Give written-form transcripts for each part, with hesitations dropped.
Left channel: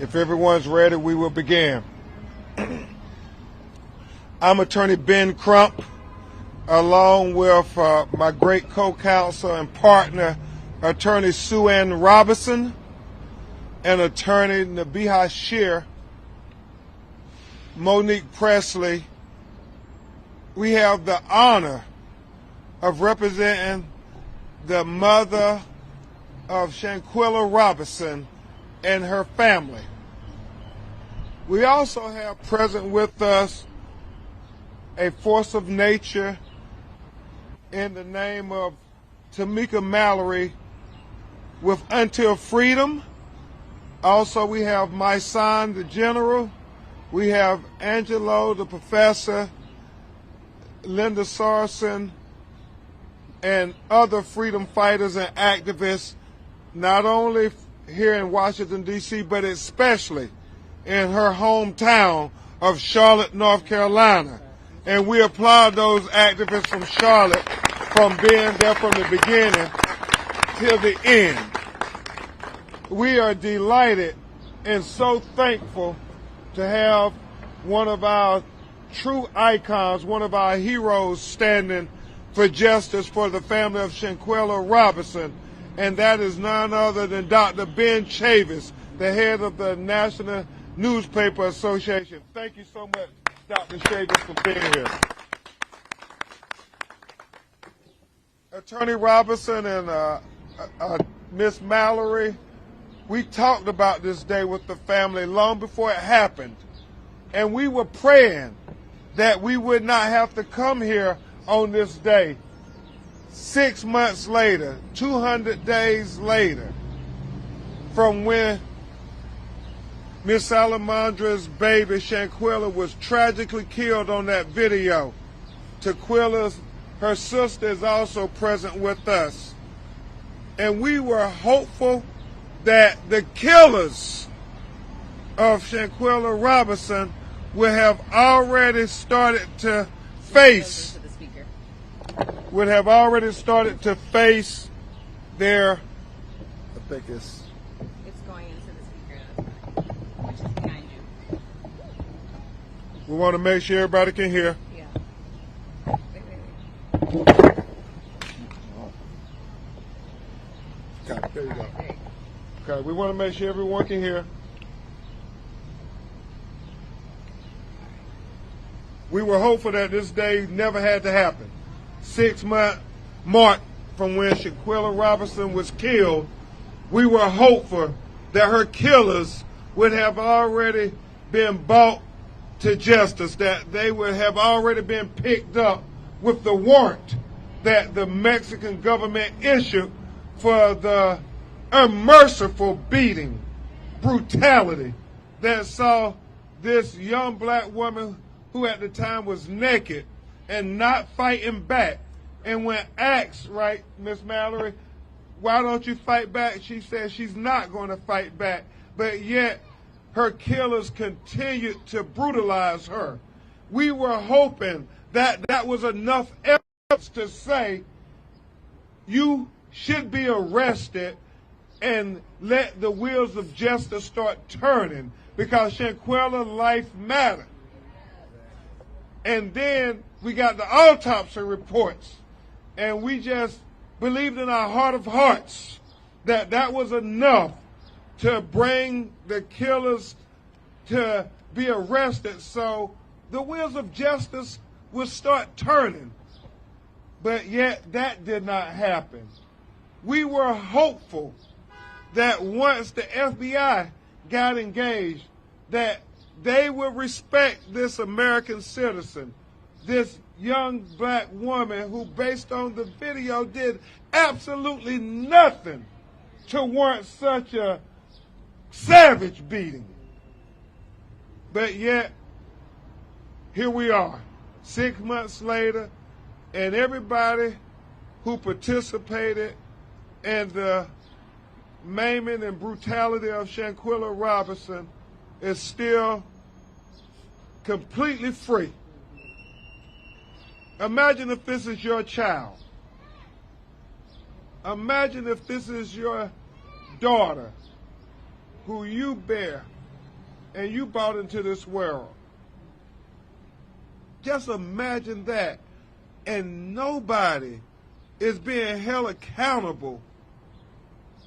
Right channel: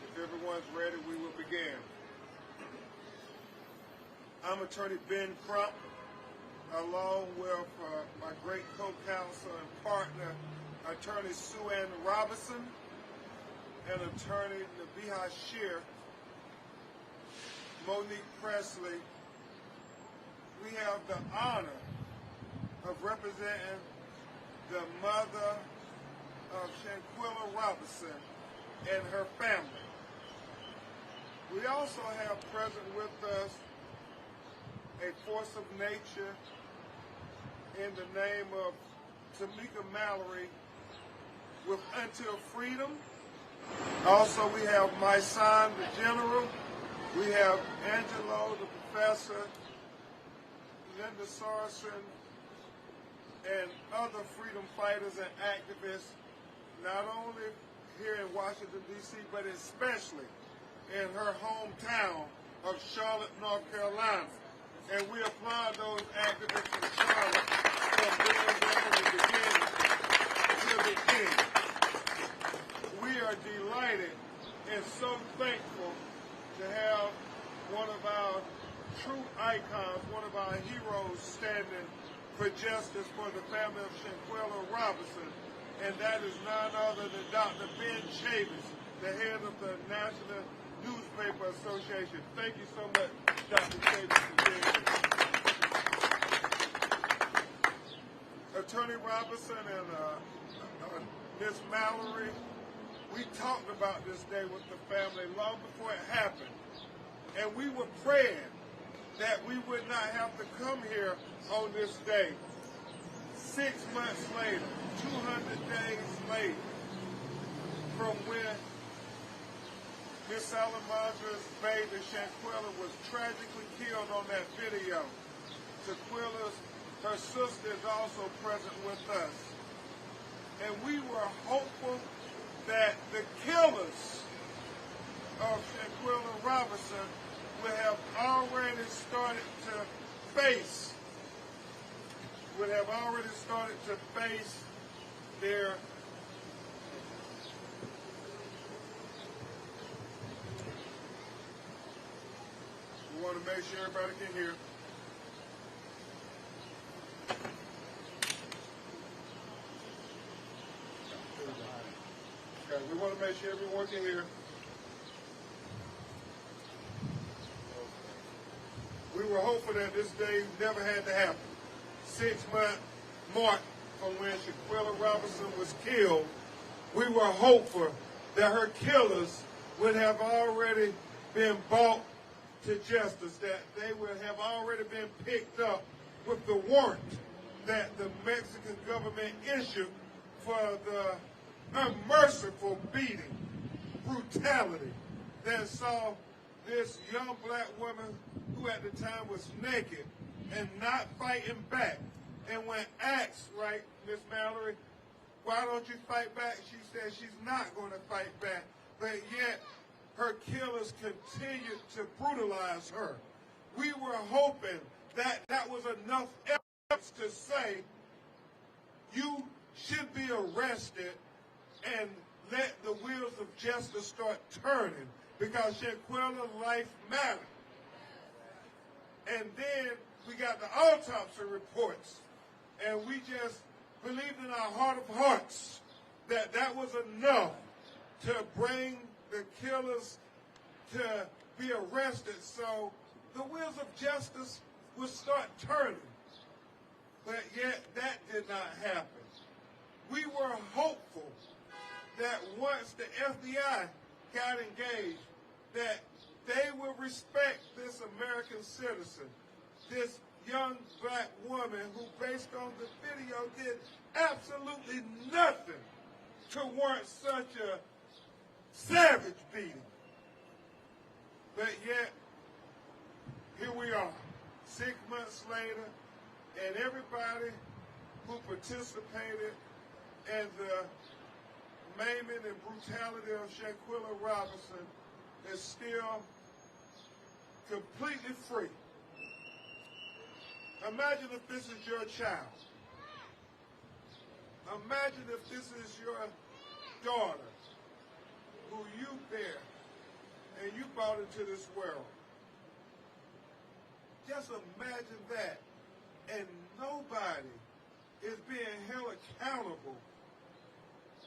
If everyone's ready, we will begin. I'm Attorney Ben Crump, along with my great co-counsel and partner, Attorney Shanquella Robinson, and Attorney Nabiha Shear, Monique Presley. We have the honor of representing the mother of Shanquella Robinson and her family. We also have present with us a force of nature in the name of Tamika Mallory with Until Freedom. Also, we have my son, the General. We have Angelo, the Professor, Linda Sarson, and other freedom fighters and activists, not only here in Washington, D.C., but especially in her hometown of Charlotte, North Carolina. And we applaud those activists from Charlotte from being there from the beginning till the end. We are delighted and so thankful to have one of our true icons, one of our heroes standing for justice for the family of Shanquella Robinson, and that is none other than Dr. Ben Chavis, the head of the National Newspaper Association. Thank you so much, Dr. Chavis, for being here. Attorney Robinson and Miss Mallory, we talked about this day with the family long before it happened, and we were praying that we would not have to come here on this day 6 months later, 200 days later, from when Miss Salamandra's baby, Shanquella, was tragically killed on that video. Taquilla's, her sister, is also present with us. And we were hopeful that the killers of Shanquella Robinson would have already started to face their, I think it's going into the speaker. We want to make sure everybody can hear. Yeah. Okay, there you go. Okay, we want to make sure everyone can hear. We were hopeful that this day never had to happen. 6 month mark from when Shanquella Robinson was killed, we were hopeful that her killers would have already been brought to justice, that they would have already been picked up with the warrant that the Mexican government issued for the unmerciful beating, brutality that saw this young black woman, who at the time was naked and not fighting back. And when asked, right, Miss Mallory, why don't you fight back? She said she's not going to fight back. But yet her killers continued to brutalize her. We were hoping that that was enough evidence to say you should be arrested and let the wheels of justice start turning, because Shanquella's life mattered. And then we got the autopsy reports, and we just believed in our heart of hearts that that was enough to bring the killers to be arrested, so the wheels of justice would start turning. But yet that did not happen. We were hopeful that once the FBI got engaged, that they would respect this American citizen, this young black woman who, based on the video, did absolutely nothing to warrant such a savage beating. But yet, here we are, 6 months later, and everybody who participated in the maiming and brutality of Shanquella Robinson is still completely free. Imagine if this is your child. Imagine if this is your daughter who you bear and you brought into this world. Just imagine that. And nobody is being held accountable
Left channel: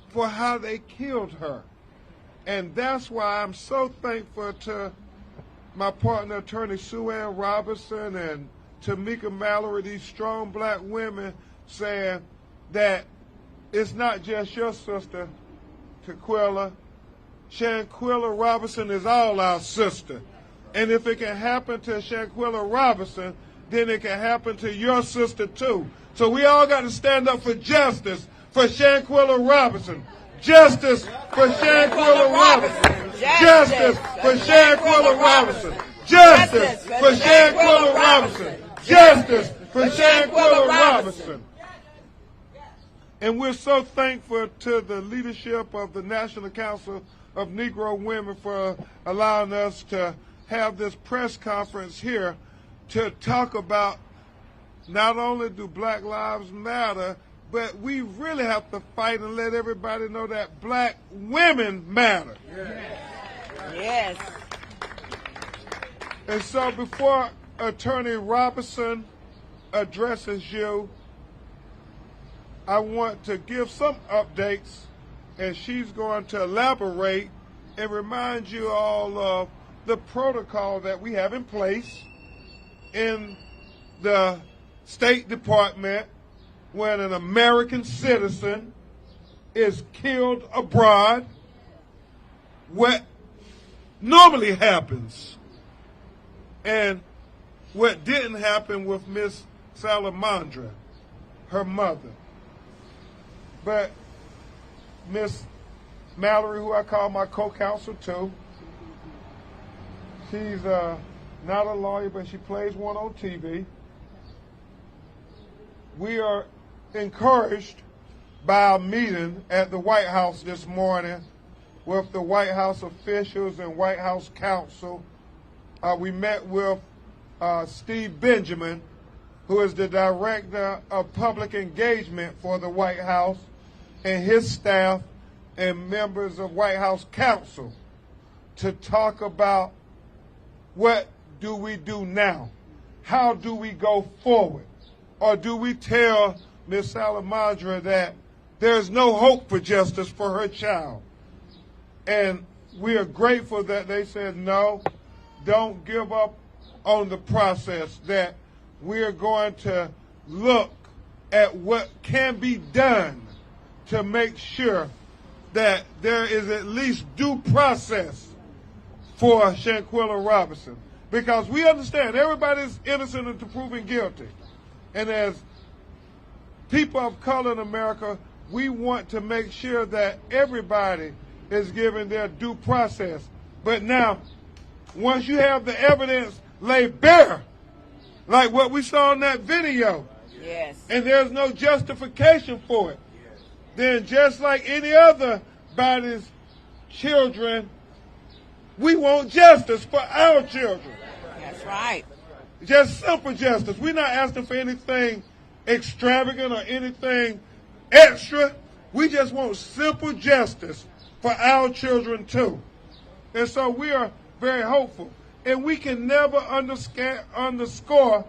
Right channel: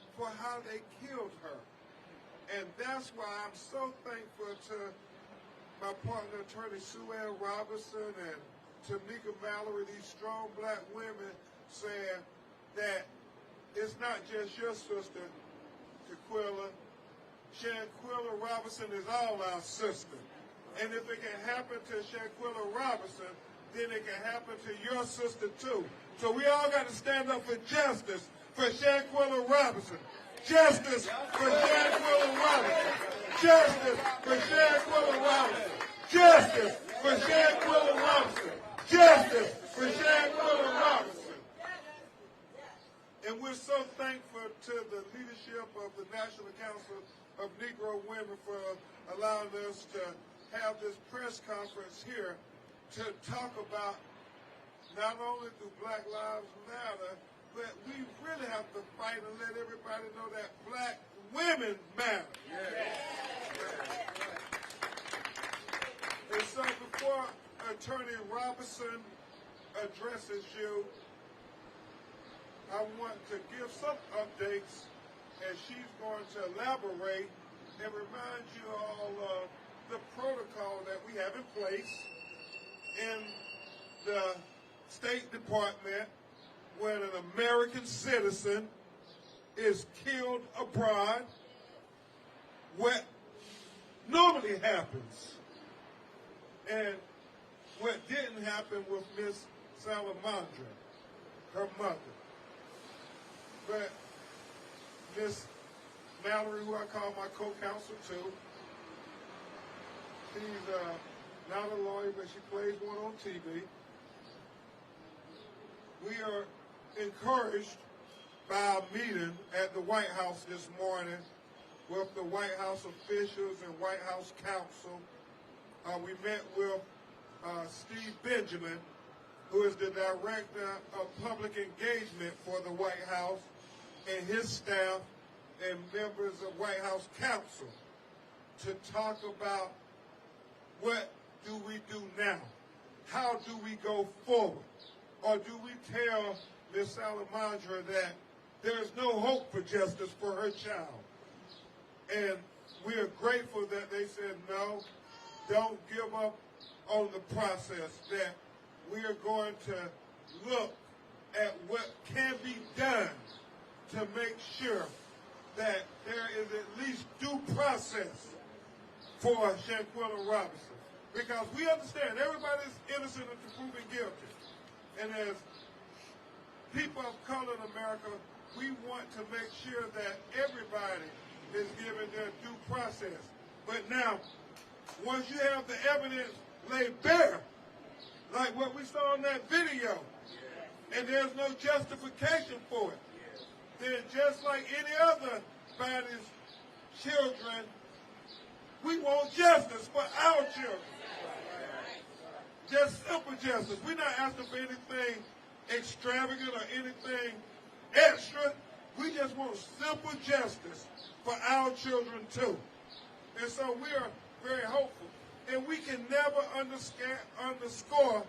for how they killed her. And that's why I'm so thankful to my partner, Attorney Shanquella Robinson, and Tamika Mallory, these strong black women, saying that it's not just your sister, Shanquella. Shanquella Robinson is all our sister. And if it can happen to Shanquella Robinson, then it can happen to your sister too. So we all got to stand up for justice for Shanquella Robinson. Justice for Shanquella Robinson. Justice for Shanquella Robinson. Justice for Shanquella Robinson. Justice for Shanquella Robinson. And we're so thankful to the leadership of the National Council of Negro Women for allowing us to have this press conference here to talk about not only do Black Lives Matter, but we really have to fight and let everybody know that black women matter. Yes. And so before Attorney Robinson addresses you, I want to give some updates, and she's going to elaborate and remind you all of the protocol that we have in place in the State Department when an American citizen is killed abroad. What normally happens, and what didn't happen with Miss Salamandra, her mother. But Miss Mallory, who I call my co-counsel too, she's not a lawyer, but she plays one on TV. We are encouraged by our meeting at the White House this morning with the White House officials and White House counsel. We met with Steve Benjamin, who is the Director of Public Engagement for the White House, and his staff and members of White House counsel to talk about what do we do now? How do we go forward? Or do we tell Ms. Salamandra that there's no hope for justice for her child? And we are grateful that they said, no, don't give up on the process, that we are going to look at what can be done to make sure that there is at least due process for Shanquella Robinson. Because we understand everybody's innocent until proven guilty. And as people of color in America, we want to make sure that everybody is given their due process. But now, once you have the evidence laid bare, like what we saw in that video, yes, and there's no justification for it, then just like any other body's children, we want justice for our children. That's right. Just simple justice. We're not asking for anything extravagant or anything extra. We just want simple justice for our children too. And so we are very hopeful. And we can never underscore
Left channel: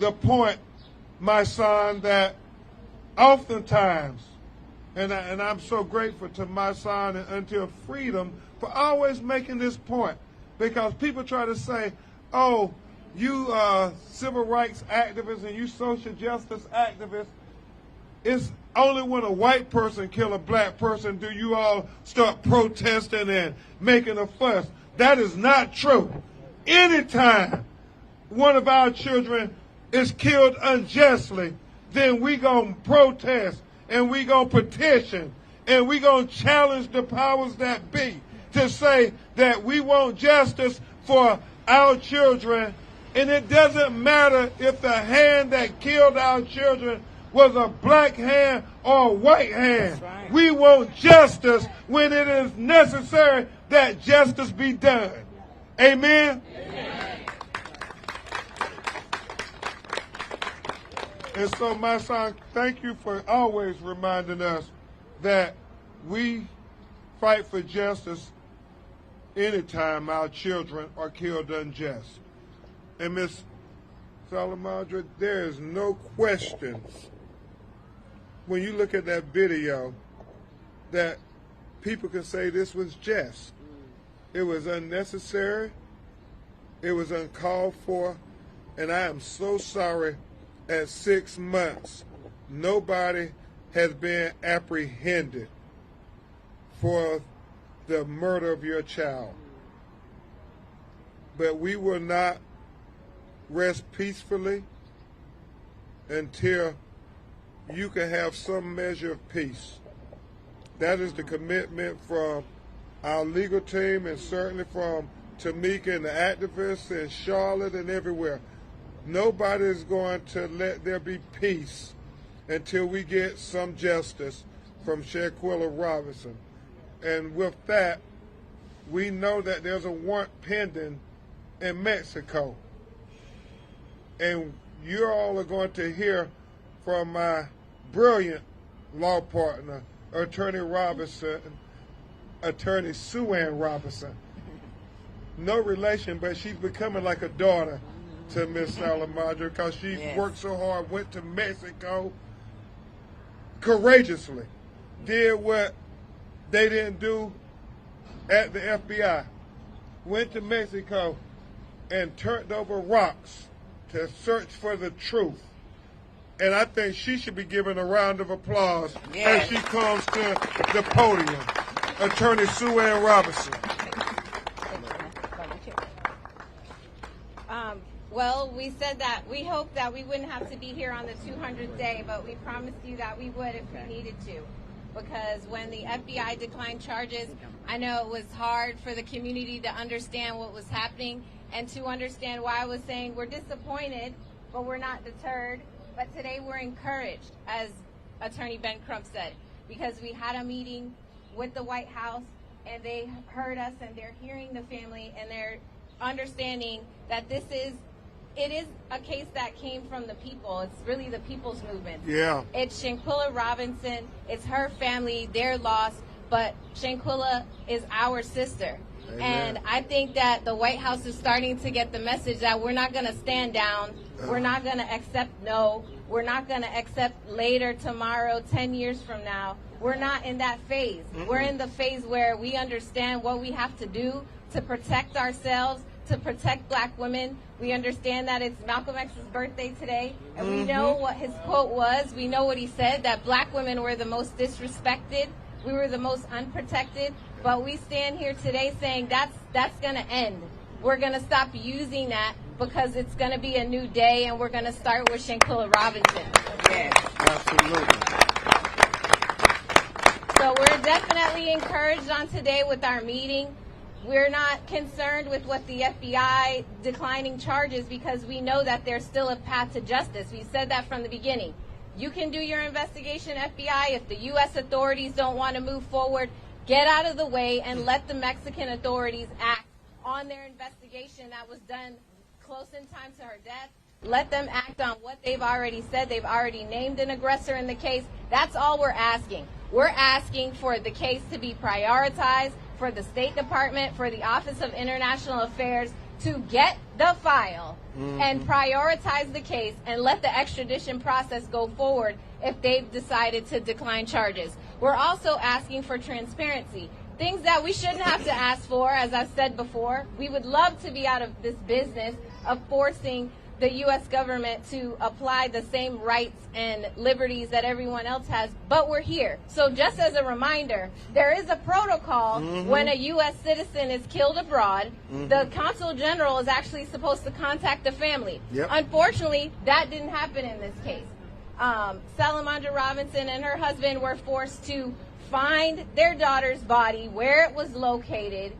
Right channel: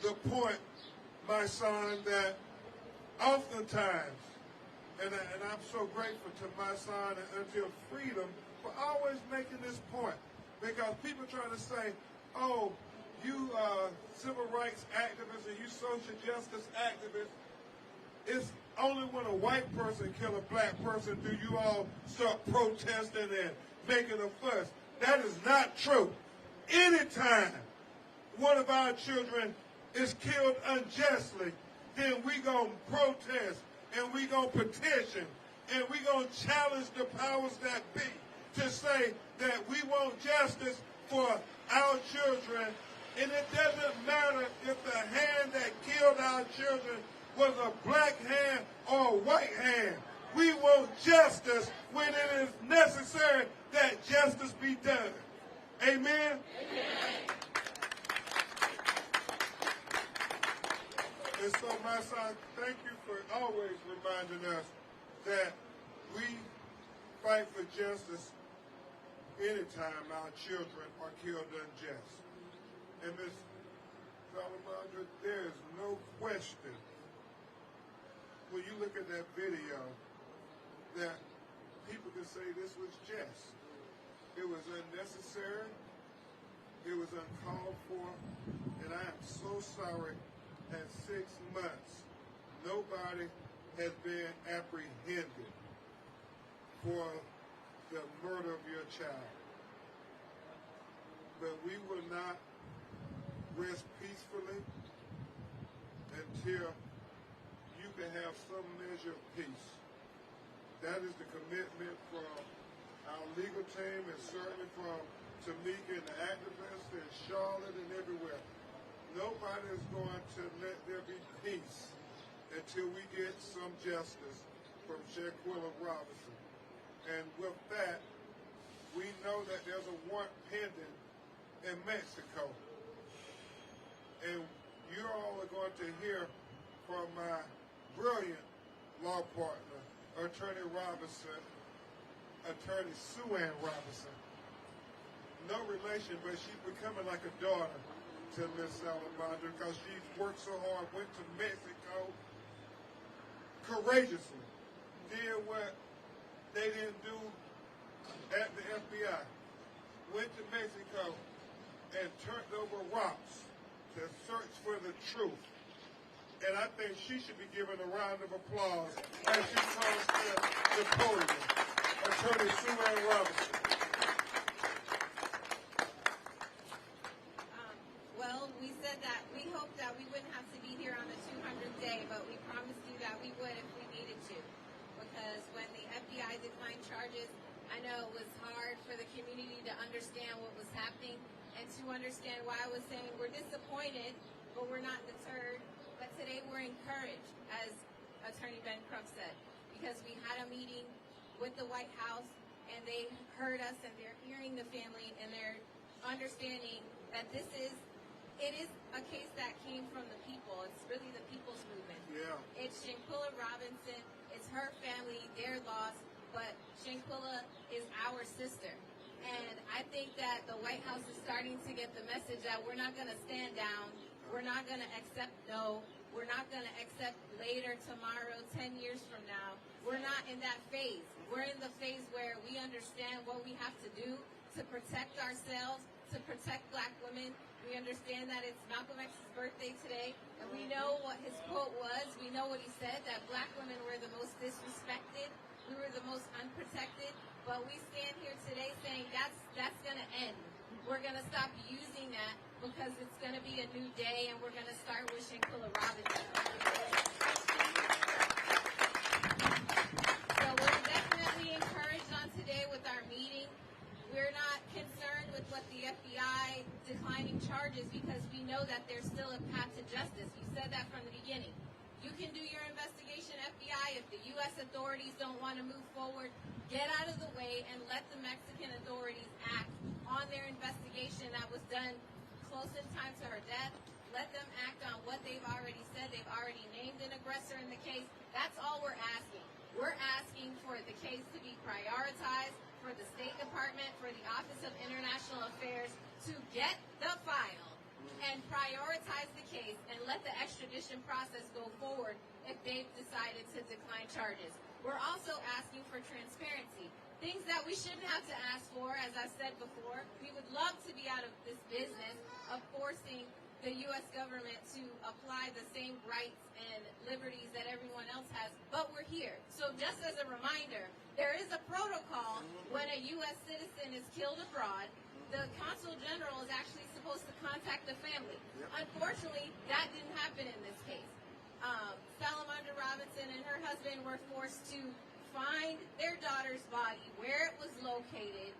the point, my son, that oftentimes, and I'm so grateful to my son and Until Freedom for always making this point, because people try to say, oh, you civil rights activists and you social justice activists, it's only when a white person kill a black person do you all start protesting and making a fuss. That is not true. Anytime one of our children is killed unjustly, then we gonna protest and we gonna petition and we gonna challenge the powers that be to say that we want justice for our children. And it doesn't matter if the hand that killed our children was a black hand or a white hand. Right. We want justice when it is necessary that justice be done. Amen? And so, my son, thank you for always reminding us that we fight for justice anytime our children are killed unjust. And Ms. Salamandra, there is no question when you look at that video that people can say this was just. It was unnecessary. It was uncalled for. And I am so sorry at 6 months, nobody has been apprehended for the murder of your child. But we will not rest peacefully until you can have some measure of peace. That is the commitment from our legal team and certainly from Tamika and the activists in Charlotte and everywhere. Nobody is going to let there be peace until we get some justice from Shanquella Robinson. And with that, we know that there's a warrant pending in Mexico. And you all are going to hear from my brilliant law partner, Attorney Sue Ann Robinson. No relation, but she's becoming like a daughter to Miss Salamandra because she worked so hard, went to Mexico courageously, did what they didn't do at the FBI, went to Mexico and turned over rocks to search for the truth. And I think she should be given a round of applause as she comes to the podium. Attorney Sue Ann Robinson. Well, we said that we hoped that we wouldn't have to be here on the 200th day, but we promised you that we would if we needed to. Because when the FBI declined charges, I know it was hard for the community to understand what was happening and to understand why I was saying we're disappointed, but we're not deterred. But today we're encouraged, as Attorney Ben Crump said, because we had a meeting with the White House and they heard us and they're hearing the family and they're understanding that it is a case that came from the people. It's really the people's movement. Yeah. It's Shanquella Robinson. It's her family, their loss, but Shanquella is our sister. Amen. And I think that the White House is starting to get the message that we're not going to stand down. We're not going to accept no. We're not going to accept later, tomorrow, 10 years from now. We're not in that phase. Mm-hmm. We're in the phase where we understand what we have to do to protect ourselves, to protect black women. We understand that it's Malcolm X's birthday today, and we know what his quote was. We know what he said, that black women were the most disrespected. We were the most unprotected. But we stand here today saying that's going to end. We're going to stop using that because it's going to be a new day, and we're going to start with Shanquella Robinson. Yes, absolutely. So we're definitely encouraged on today with our meeting. We're not concerned with what the FBI declining charges because we know that there's still a path to justice. We said that from the beginning. You can do your investigation, FBI. If the U.S. authorities don't want to move forward, get out of the way and let the Mexican authorities act on their investigation that was done close in time to her death. Let them act on what they've already said. They've already named an aggressor in the case. That's all we're asking. We're asking for the case to be prioritized, for the State Department, for the Office of International Affairs to get the file and prioritize the case and let the extradition process go forward if they've decided to decline charges. We're also asking for transparency, things that we shouldn't have to ask for, as I've said before. We would love to be out of this business of forcing the U.S. government to apply the same rights and liberties that everyone else has, but we're here. So just as a reminder, there is a protocol when a U.S. citizen is killed abroad. The Consul General is actually supposed to contact the family. Unfortunately, that didn't happen in this case. Salamandra Robinson and her husband were forced to find their daughter's body, where it was located,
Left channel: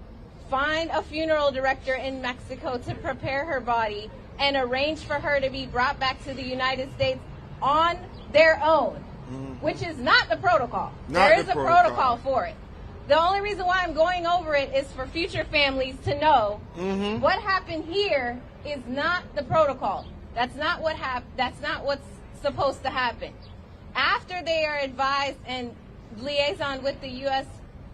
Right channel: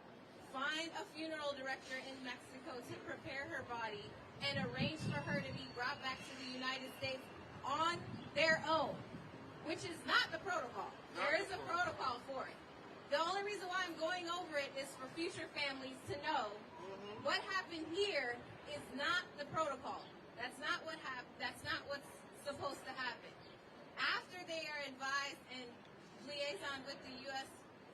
find a funeral director in Mexico to prepare her body, and arrange for her to be brought back to the United States on their own, which is not the protocol. There is a protocol for it. The only reason why I'm going over it is for future families to know what happened here is not the protocol. That's not what that's not what's supposed to happen. After they are advised and liaison with the U.S.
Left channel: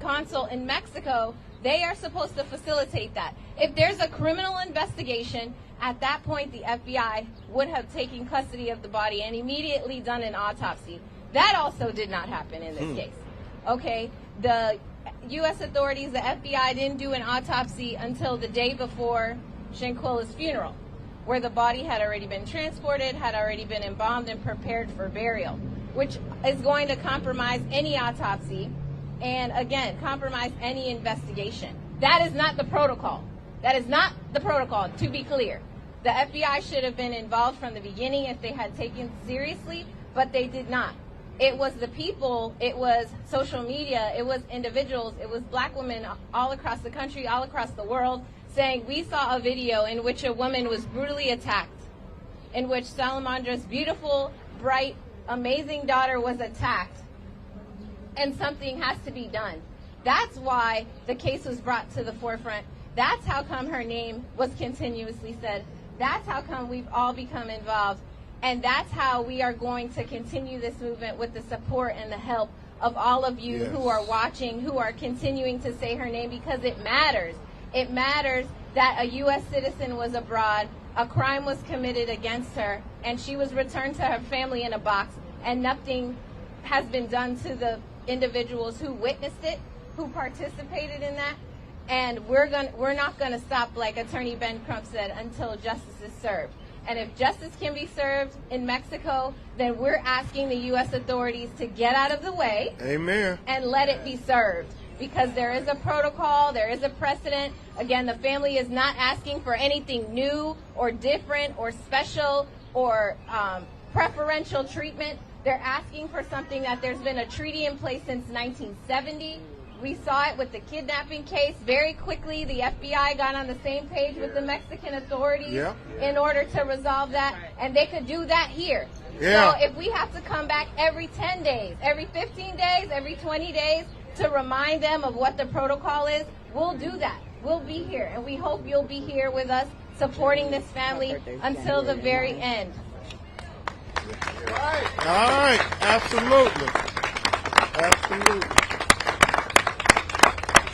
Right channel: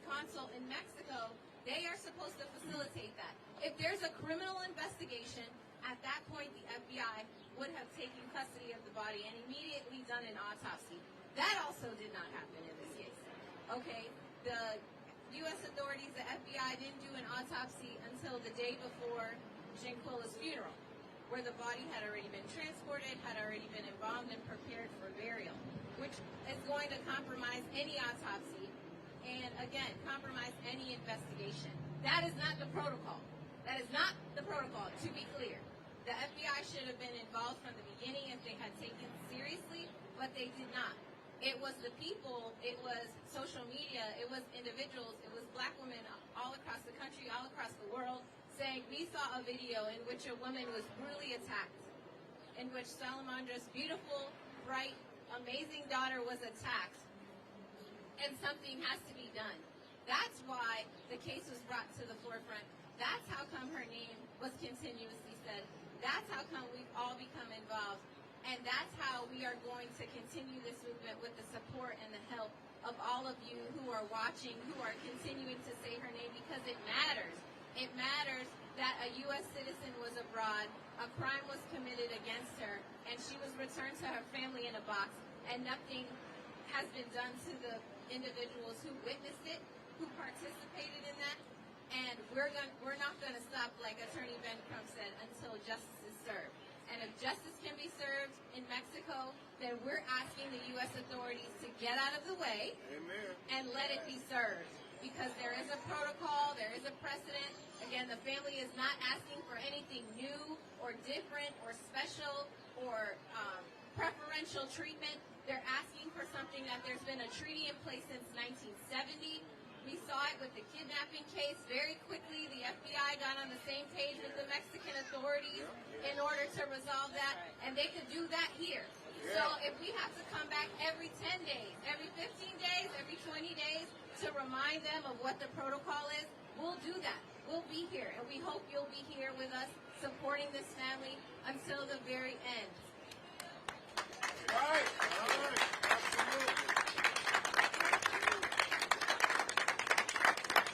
consul in Mexico, They are supposed to facilitate that. If there's a criminal investigation, at that point the FBI would have taken custody of the body and immediately done an autopsy. That also did not happen in this case. Okay, the U.S. authorities, the FBI, didn't do an autopsy until the day before Shanquella's funeral, where the body had already been transported, had already been embalmed and prepared for burial, which is going to compromise any autopsy and, again, compromise any investigation. That is not the protocol. That is not the protocol, to be clear. The FBI should have been involved from the beginning if they had taken it seriously, but they did not. It was the people, it was social media, it was individuals, it was black women all across the country, all across the world, saying we saw a video in which a woman was brutally attacked, in which Salamandra's beautiful, bright, amazing daughter was attacked, and something has to be done. That's why the case was brought to the forefront. That's how come her name was continuously said. That's how come we've all become involved. And that's how we are going to continue this movement, with the support and the help of all of you who are watching, who are continuing to say her name, because it matters. It matters that a U.S. citizen was abroad, a crime was committed against her, and she was returned to her family in a box, and nothing has been done to the individuals who witnessed it, who participated in that. And we're not going to stop, like Attorney Ben Crump said, until justice is served. And if justice can be served in Mexico, then we're asking the U.S. authorities to get out of the way. Amen. And let it be served. Because there is a protocol, there is a precedent. Again, the family is not asking for anything new or different or special or preferential treatment. They're asking for something that there's been a treaty in place since 1970. We saw it with the kidnapping case. Very quickly, the FBI got on the same page with the Mexican authorities in order to resolve that, and they could do that here. So if we have to come back every 10 days, every 15 days, every 20 days to remind them of what the protocol is, we'll do that. We'll be here, and we hope you'll be here with us supporting this family until the very end. All right. Absolutely. Absolutely.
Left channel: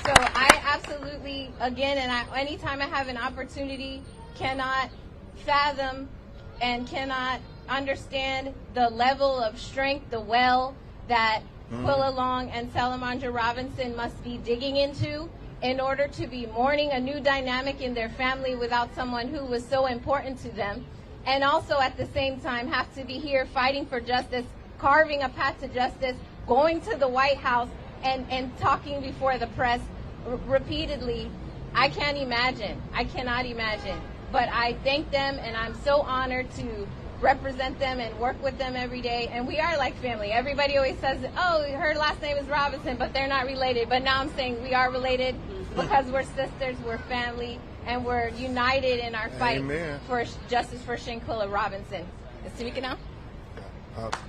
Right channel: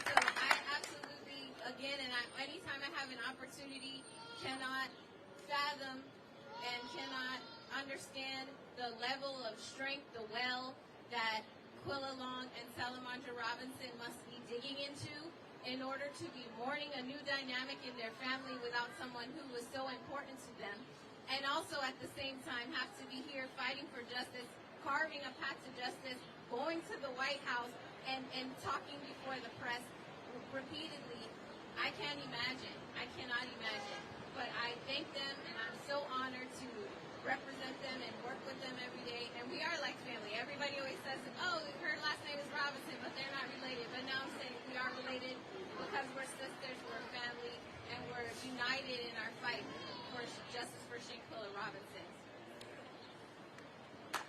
So I absolutely, again, and anytime I have an opportunity, cannot fathom and cannot understand the level of strength, the well that Quilla Long and Salamandra Robinson must be digging into in order to be mourning a new dynamic in their family without someone who was so important to them, and also at the same time have to be here fighting for justice, carving a path to justice, going to the White House and talking before the press repeatedly. I can't imagine. I cannot imagine. But I thank them, and I'm so honored to represent them and work with them every day. And we are like family. Everybody always says, oh, her last name is Robinson, but they're not related. But now I'm saying we are related because we're sisters, we're family, and we're united in our fight for justice for Shanquella Robinson. Is Tamika now?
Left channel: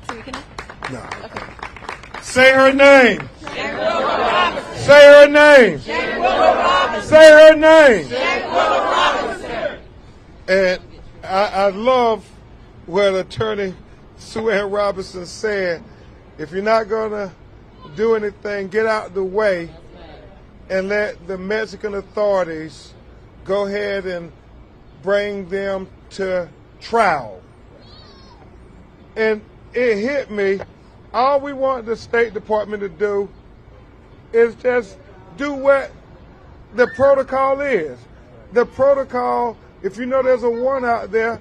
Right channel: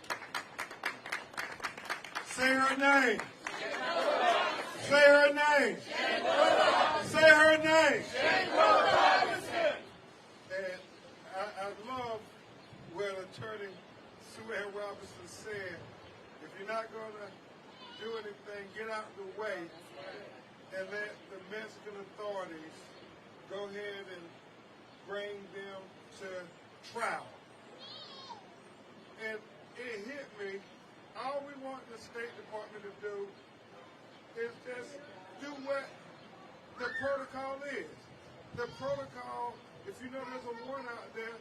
Tamika now? No. Okay. Say her name. Say her name. Say her name. And I love what Attorney Sue Ann Robinson said. If you're not going to do anything, get out the way and let the Mexican authorities go ahead and bring them to trial. And it hit me. All we want the State Department to do is just do what the protocol is. The protocol, if you know there's a warrant out there,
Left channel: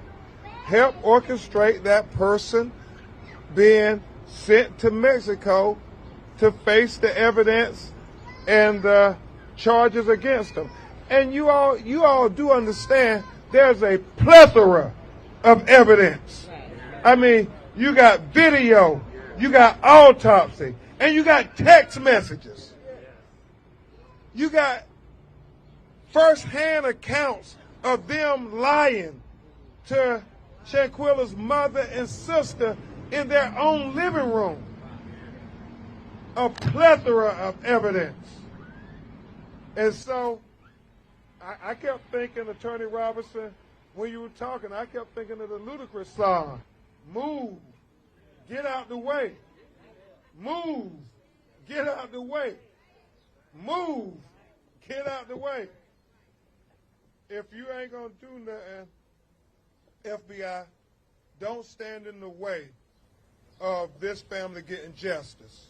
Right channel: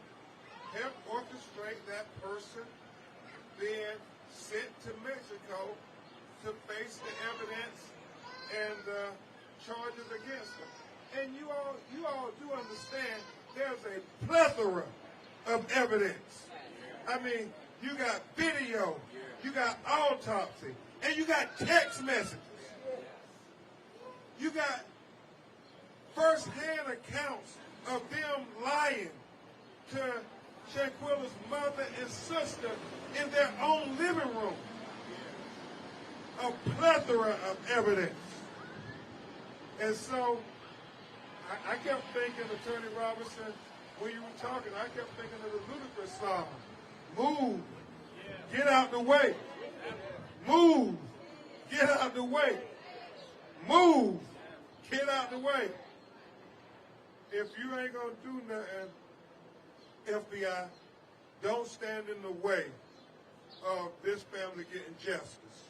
help orchestrate that person being sent to Mexico to face the evidence and the charges against them. And you all do understand there's a plethora of evidence. I mean, you got video, you got autopsy, and you got text messages. You got first-hand accounts of them lying to Shanquella's mother and sister in their own living room. A plethora of evidence. And so I kept thinking, Attorney Robinson, when you were talking, I kept thinking of the Ludacris song, Move, Get Out the Way. Move, Get Out the Way. Move, Get out the way. If you ain't going to do nothing, FBI, don't stand in the way of this family getting justice.